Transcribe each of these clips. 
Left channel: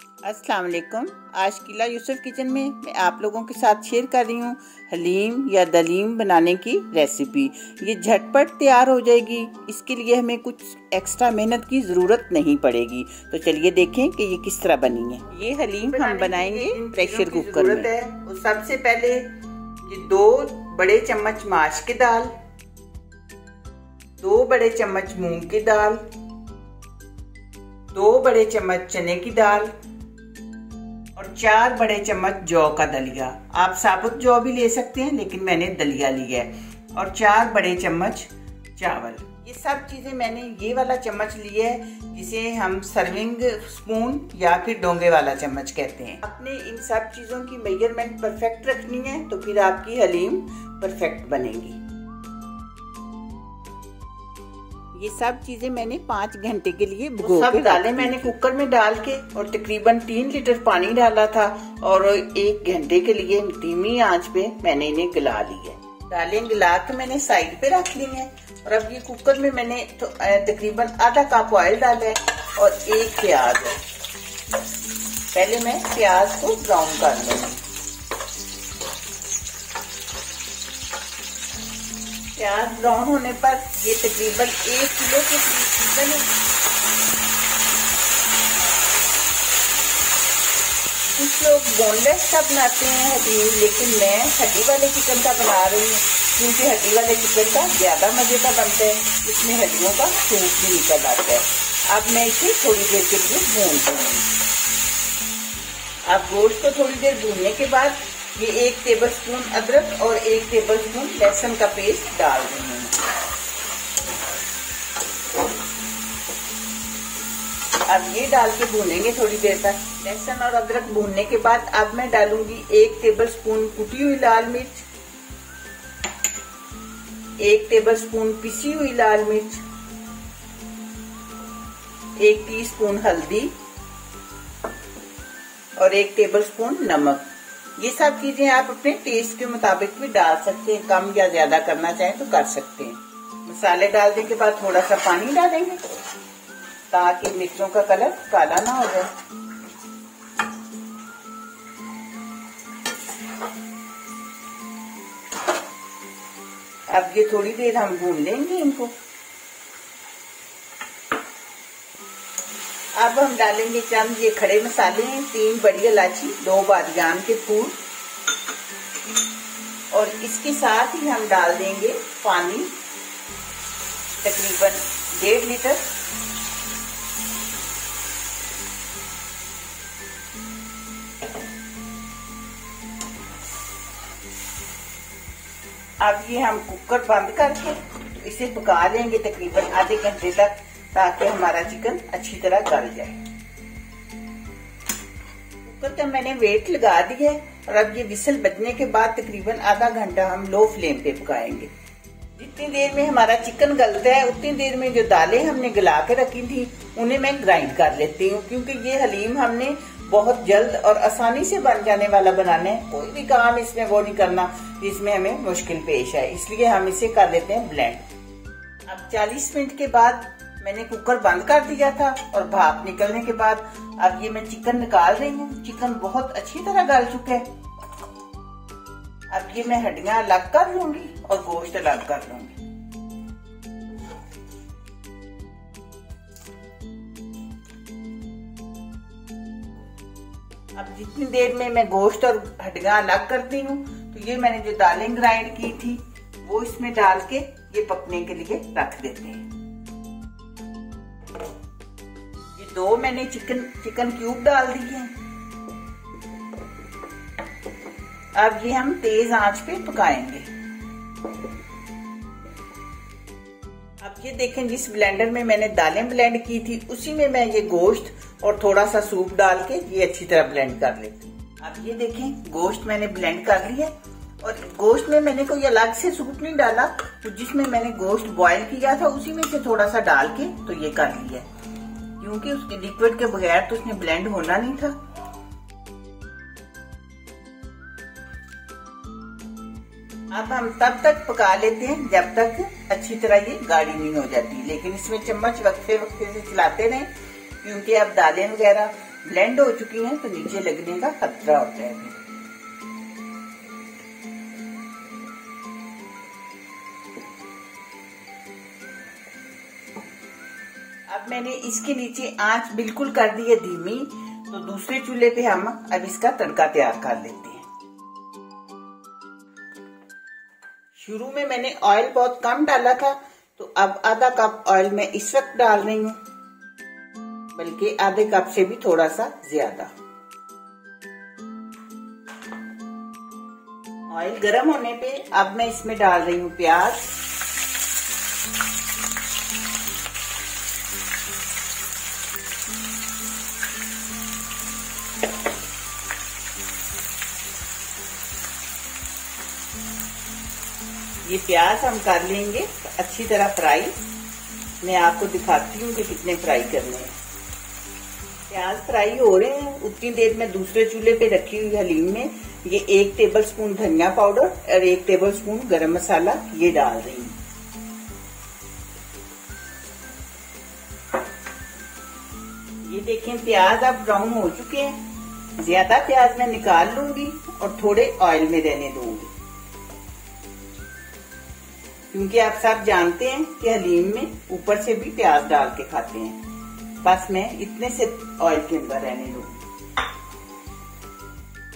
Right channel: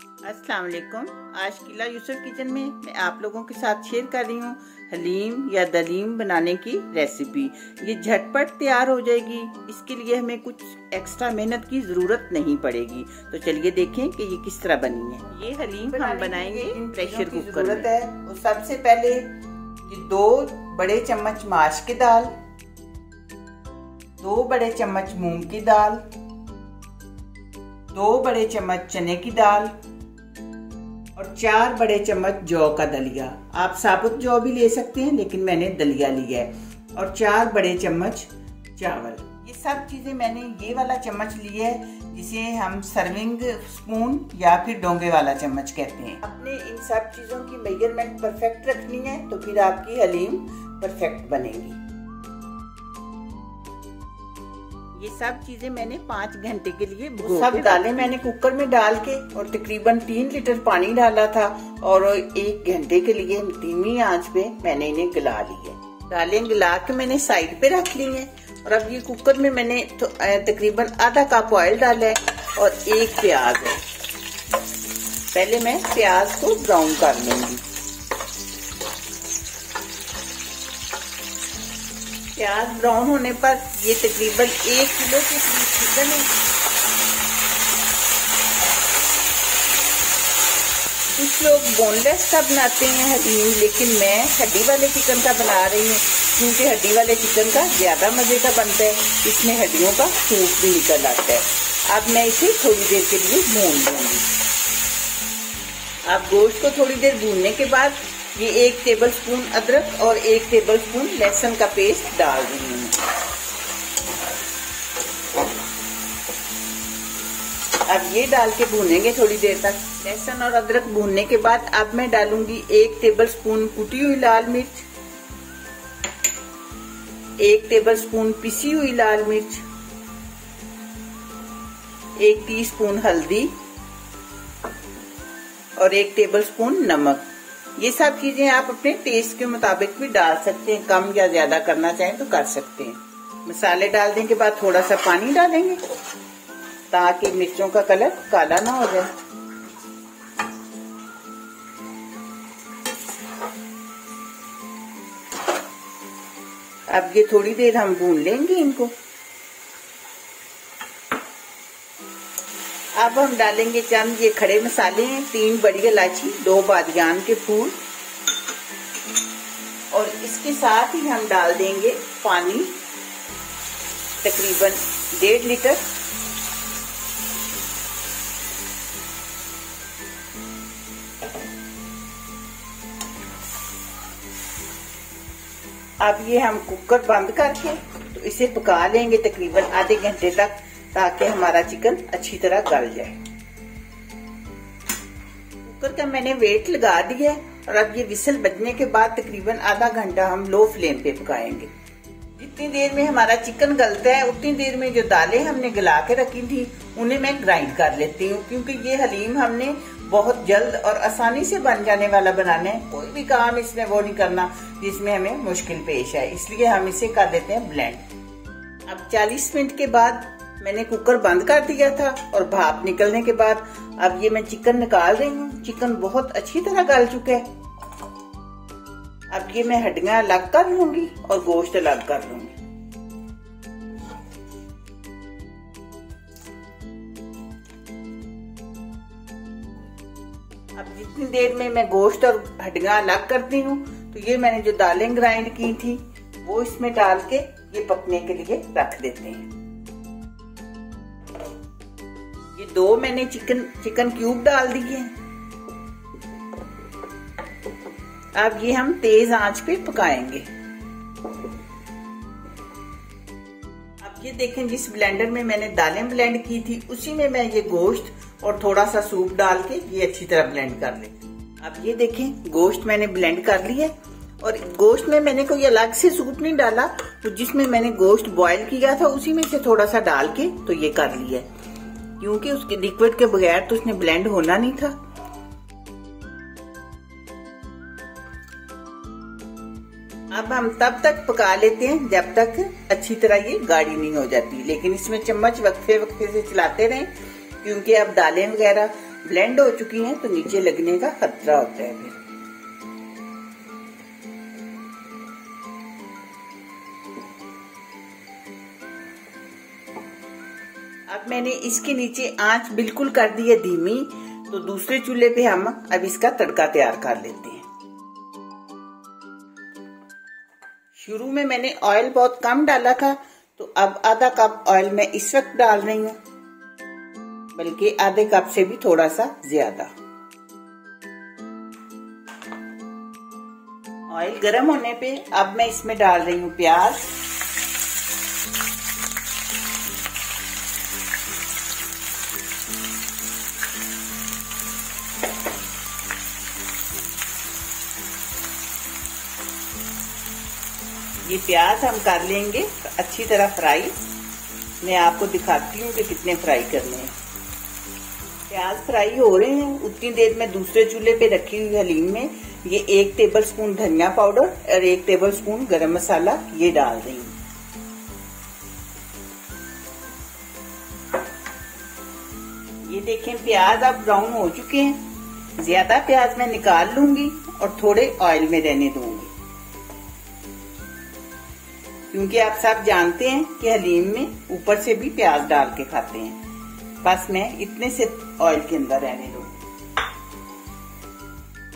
अस्सलाम वालेकुम। आज किला यूसुफ किचन में मैं आप लोगों के साथ शेयर कर रही हूँ हलीम या दलीम बनाने की रेसिपी। ये झटपट तैयार हो जाएगी। इसके लिए हमें कुछ एक्स्ट्रा मेहनत की ज़रूरत नहीं पड़ेगी। तो चलिए देखें कि ये किस तरह बनी है। ये हलीम हम बनाएंगे प्रेशर कुकर में। है और सबसे पहले ये 2 बड़े चम्मच माश की दाल, 2 बड़े चम्मच मूंग की दाल, 2 बड़े चम्मच चने की दाल और 4 बड़े चम्मच जौ का दलिया। आप साबुत जौ भी ले सकते हैं, लेकिन मैंने दलिया लिया है। और 4 बड़े चम्मच चावल। ये सब चीजें मैंने ये वाला चम्मच लिया है, जिसे हम सर्विंग स्पून या फिर डोंगे वाला चम्मच कहते हैं। अपने इन सब चीजों की मेजरमेंट परफेक्ट रखनी है, तो फिर आपकी हलीम परफेक्ट बनेगी। ये सब चीजें मैंने 5 घंटे के लिए सब दालें मैंने कुकर में डाल के और तकरीबन 3 लीटर पानी डाला था और 1 घंटे के लिए धीमी आंच पे मैंने इन्हें गला लिया। दालें गला के मैंने साइड पे रख ली हैं। और अब ये कुकर में मैंने तकरीबन आधा कप ऑयल डाला है और 1 प्याज है। पहले मैं प्याज को ब्राउन कर लूंगी। प्याज ब्राउन होने पर ये तकरीबन 1 किलो के करीब चिकन है। कुछ लोग बोनलेस का बनाते हैं हलीम, लेकिन मैं हड्डी वाले चिकन का बना रही हूँ, क्योंकि हड्डी वाले चिकन का ज्यादा मजे का बनता है। इसमें हड्डियों का सूप भी निकल आता है। अब मैं इसे थोड़ी देर के लिए भून दूंगी। अब गोश्त को थोड़ी देर भूनने के बाद ये 1 टेबलस्पून अदरक और 1 टेबलस्पून लहसुन का पेस्ट डाल रही हूँ। अब ये डाल के भूनेंगे थोड़ी देर तक। लहसुन और अदरक भूनने के बाद अब मैं डालूंगी 1 टेबलस्पून कुटी हुई लाल मिर्च, 1 टेबलस्पून पिसी हुई लाल मिर्च, 1 टीस्पून हल्दी और 1 टेबलस्पून नमक। ये सब चीजें आप अपने टेस्ट के मुताबिक भी डाल सकते हैं, कम या ज्यादा करना चाहें तो कर सकते हैं। मसाले डालने के बाद थोड़ा सा पानी डालेंगे ताकि मिर्चों का कलर काला ना हो जाए। अब ये थोड़ी देर हम भून लेंगे इनको। अब हम डालेंगे चंद ये खड़े मसाले हैं, 3 बड़ी इलायची, 2 बादियान के फूल और इसके साथ ही हम डाल देंगे पानी तकरीबन 1.5 लीटर। अब ये हम कुकर बंद करके तो इसे पका लेंगे तकरीबन आधे घंटे तक, ताकि हमारा चिकन अच्छी तरह गल जाए। कुकर का मैंने वेट लगा दिया और अब ये विसल बजने के बाद तकरीबन आधा घंटा हम लो फ्लेम पे पकाएंगे। जितनी देर में हमारा चिकन गलता है उतनी देर में जो दालें हमने गला के रखी थी उन्हें मैं ग्राइंड कर लेती हूँ, क्योंकि ये हलीम हमने बहुत जल्द और आसानी से बन जाने वाला बनाना है। कोई भी काम इसमें वो नहीं करना जिसमें हमें मुश्किल पेश है, इसलिए हम इसे कर लेते हैं ब्लेंड। अब 40 मिनट के बाद मैंने कुकर बंद कर दिया था और भाप निकलने के बाद अब ये मैं चिकन निकाल रही हूँ। चिकन बहुत अच्छी तरह गल चुका है। अब ये मैं हड्डियां अलग कर लूंगी और गोश्त अलग कर लूंगी। अब जितनी देर में मैं गोश्त और हड्डियां अलग करती हूँ, तो ये मैंने जो दालें ग्राइंड की थी वो इसमें डाल के ये पकने के लिए रख देते हैं। ये 2 मैंने चिकन क्यूब डाल दिए हैं। अब ये हम तेज आंच पे पकाएंगे। अब ये देखें, जिस ब्लेंडर में मैंने दालें ब्लेंड की थी उसी में मैं ये गोश्त और थोड़ा सा सूप डाल के ये अच्छी तरह ब्लेंड कर लेती हूँ। अब ये देखें, गोश्त मैंने ब्लेंड कर लिया और गोश्त में मैंने कोई अलग से सूप नहीं डाला, तो जिसमें मैंने गोश्त बॉईल किया था उसी में से थोड़ा सा डाल के तो ये कर लिया, क्योंकि उसके लिक्विड के बगैर तो उसने ब्लेंड होना नहीं था। अब हम तब तक पका लेते हैं जब तक अच्छी तरह ये गाढ़ी नहीं हो जाती, लेकिन इसमें चम्मच वक्फे वक्फे से चलाते रहें, क्योंकि अब दालें वगैरह ब्लेंड हो चुकी हैं तो नीचे लगने का खतरा होता है फिर। अब मैंने इसके नीचे आंच बिल्कुल कर दी है धीमी, तो दूसरे चूल्हे पे हम अब इसका तड़का तैयार कर लेते हैं। शुरू में मैंने ऑयल बहुत कम डाला था, तो अब आधा कप ऑयल मैं इस वक्त डाल रही हूँ, बल्कि आधे कप से भी थोड़ा सा ज्यादा। ऑयल गर्म होने पे अब मैं इसमें डाल रही हूँ प्याज। ये प्याज हम कर लेंगे अच्छी तरह फ्राई। मैं आपको दिखाती हूँ कि कितने फ्राई करने हैं। प्याज फ्राई हो रहे हैं, उतनी देर में दूसरे चूल्हे पे रखी हुई हलीम में ये 1 टेबलस्पून धनिया पाउडर और 1 टेबलस्पून गरम मसाला ये डाल रही हूँ। ये देखें प्याज अब ब्राउन हो चुके हैं। ज्यादा प्याज मैं निकाल लूंगी और थोड़े ऑयल में रहने दूंगी, क्योंकि आप सब जानते हैं कि हलीम में ऊपर से भी प्याज डाल के खाते हैं। बस मैं इतने से ऑयल के अंदर रहने दूंगी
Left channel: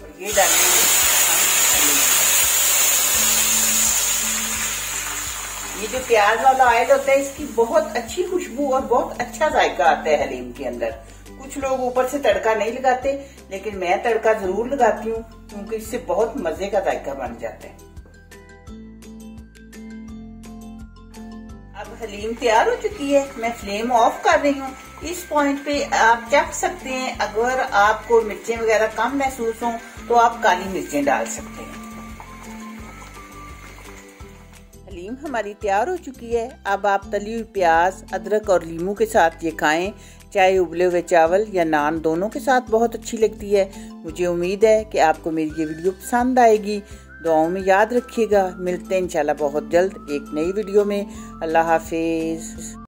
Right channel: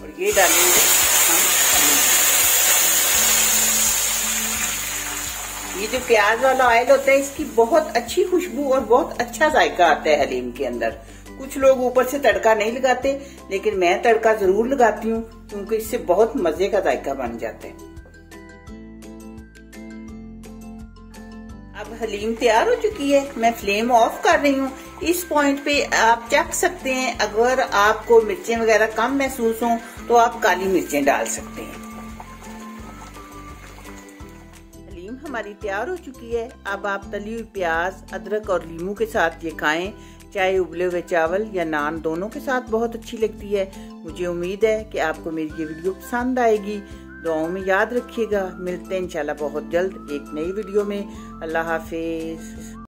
और ये डालेंगे ये जो प्याज वाला ऑयल होता है इसकी बहुत अच्छी खुशबू और बहुत अच्छा जायका आता है हलीम के अंदर। कुछ लोग ऊपर से तड़का नहीं लगाते, लेकिन मैं तड़का जरूर लगाती हूँ, क्योंकि इससे बहुत मजे का जायका बन जाता है। अब हलीम तैयार हो चुकी है, मैं फ्लेम ऑफ कर रही हूँ। इस पॉइंट पे आप चख सकते हैं, अगर आपको मिर्चें वगैरह कम महसूस हो तो आप काली मिर्चें डाल सकते हैं। हलीम हमारी तैयार हो चुकी है। अब आप तली हुई प्याज, अदरक और नींबू के साथ ये खाएं, चाहे उबले हुए चावल या नान दोनों के साथ बहुत अच्छी लगती है। मुझे उम्मीद है कि आपको मेरी ये वीडियो पसंद आएगी। दुआओं में याद रखिएगा। मिलते हैं इंशाल्लाह बहुत जल्द एक नई वीडियो में। अल्लाह हाफिज।